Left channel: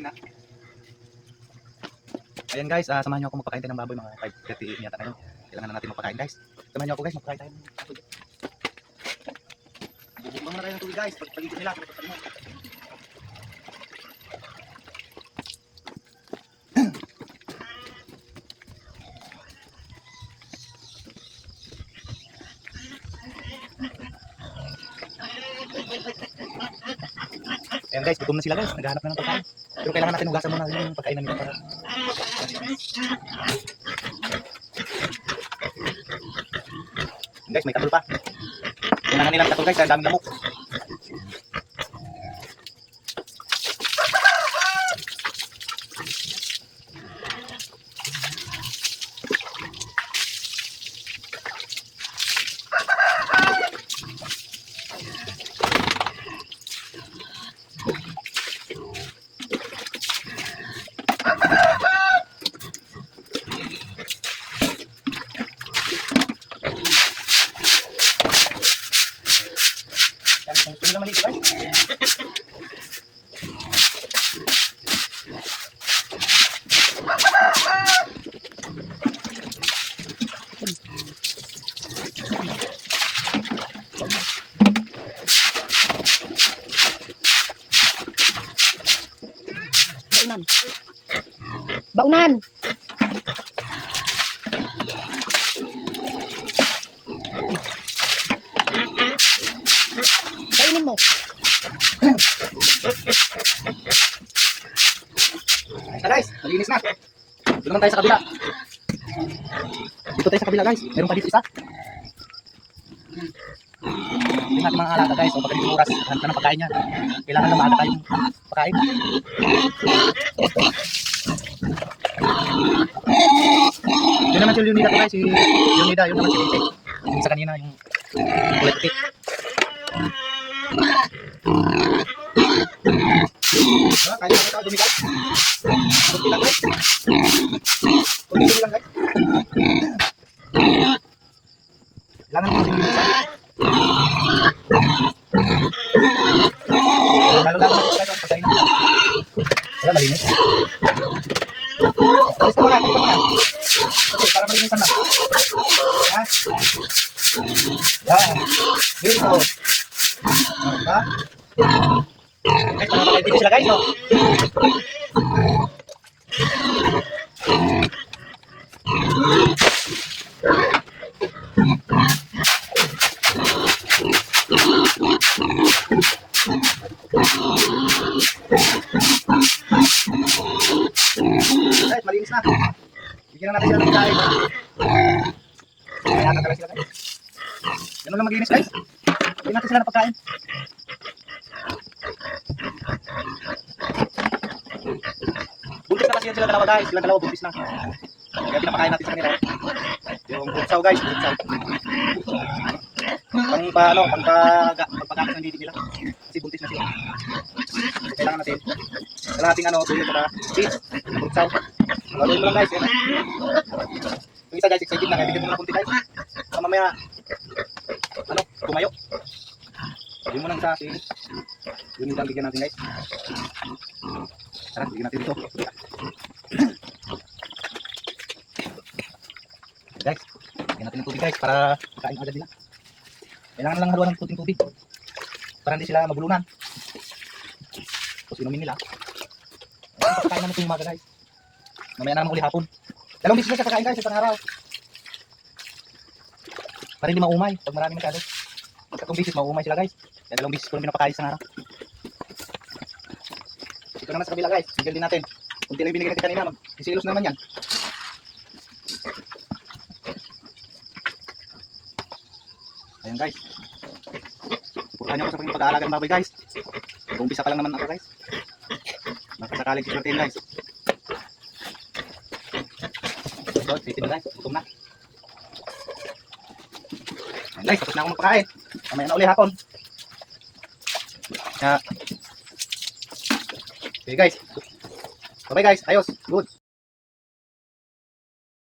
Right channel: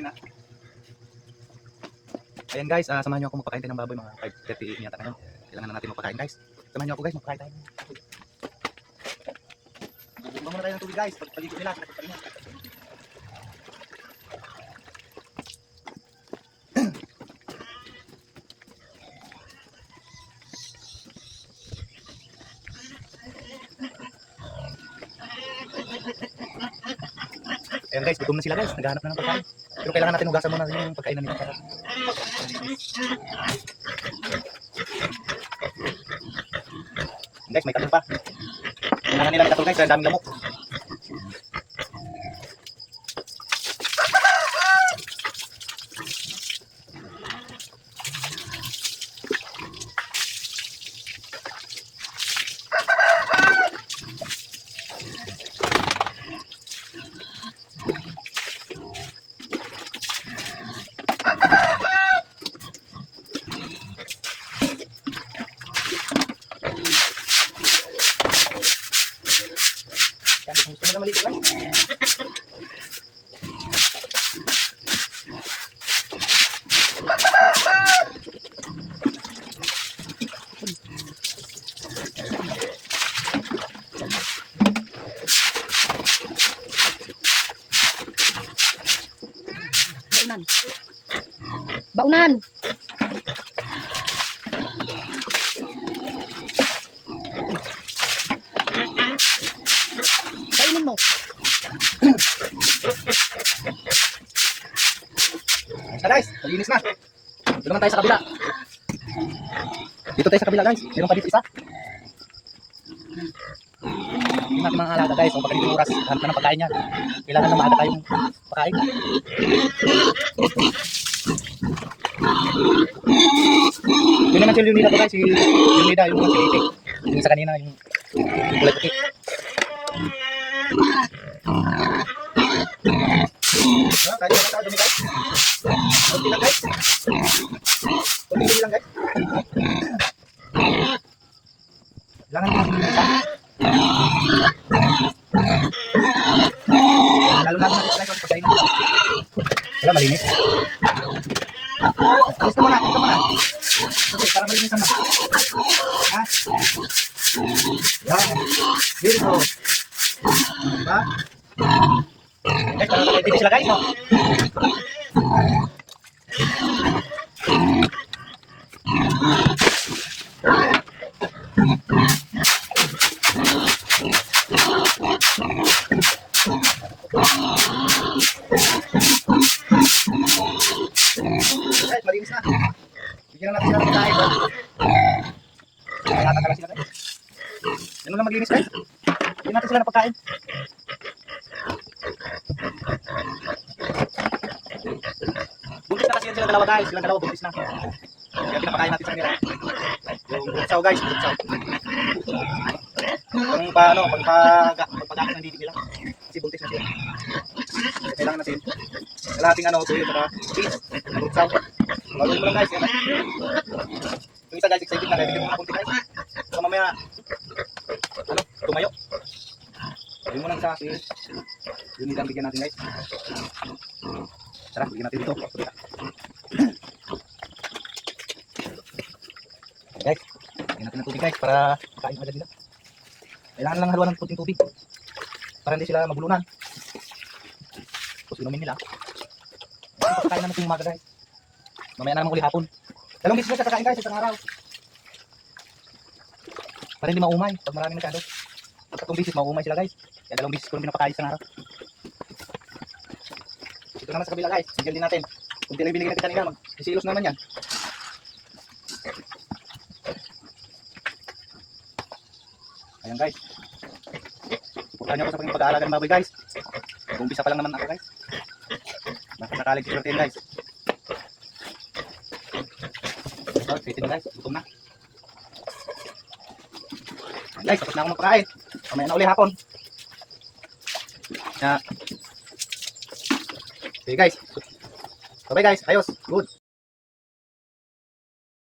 open na. Ayan guys, samahan niyo ako magpakain tayo ng baboy, mga 5:30 yata ngayon. Kailangan na natin magpakain guys. Samahan niyo ako guys, magpakain tayo ng baboy. Bubuksan muna tayo ng tubig guys, pagpaligid nila. Ayan guys, gutom na sila guys, naghahanap na ng pagkain. Pero kailangan natin hugasan muna yung pagkainan nila para... Guys, may katol pa. Kailangan nila katol guys, dahil daming lamok. Gusto mo na malito guys? Baunan. Baunan. Kainin mo. Ayos na guys, malinis na. Dito naman tayo sa kabila. Dito tayo sa kabila guys. Meron pa dito isa. Hindi natin mga alaga guys. So pagka dito oras, hanap na ng pagkain yan. Kailangan na maaga tayong pagkain. Yun naman si Leonida to guys. Si Leonida, yun naman si Liti. Yung isa kanina, yung kulay puti. Kaya na ito, dumi guys. Kunti lang guys. Kunti lang guys. Kailangan natin yung isa. Lalo lang natin guys, ang pagkain natin. Kaya malinis. Alis ka muna, alis ka muna. Okay, para malinis naman. Ha? Yan. Dito. Diba? Guys, makakapagpili sila guys, no? Guys, malinis na. Bigyan na natin sila ng pagkain. Kaya natanggalan sila guys. Ganun lang maglinis guys. Bigyan natin sila ng pagkain. Buntis na kasi yan sila dalawa guys. Silang dalawa buntis na. Kaya pinapakain natin sa kanila. Yung butsaw guys, butsaw. Pagpagakit ng didi nila. Kasi buntis na sila. Kasi kailangan natin kalahating tuyo para cheese. Butsaw. Lalo mo lang guys. Yan. Yung isa guys, excited na. Kaya bigyan mo na kunti guys. So mamaya, tumayo. Bigyan mo lang isa. Yun yung bigyan natin guys. Tara, bigyan natin dito. Guys, bigyan natin ng tubig guys para makain agad nila. Kailangan lang haluan ng kunting tubig para hindi sila mabulunan. Tapos inumin nila. Pagkain naman itong umaga guys. Mamaya na naman uli hapon. Dalawang bisis na siya kakain guys, isang araw. Para hindi maumay pag maraming nagkado. Pag 3 bisis maumay sila guys. Kaya 2 bisis ko lang pinapakain isang araw. Ito naman sa kabila guys, bigyan din natin. Kunti lang binigyan natin kanina, mag-isilos naman yan. Ayan guys. Suportahan niyo ako sa pag-aalaga ng baboy guys. Umpisa pa lang naman ako guys. Nakasakalig si Sorten guys. So, sitin guys, gutom na. Ayan guys, tapos na ako magpakain. Mamaya na uli hapon. Okay guys. Bye guys, ayos, good.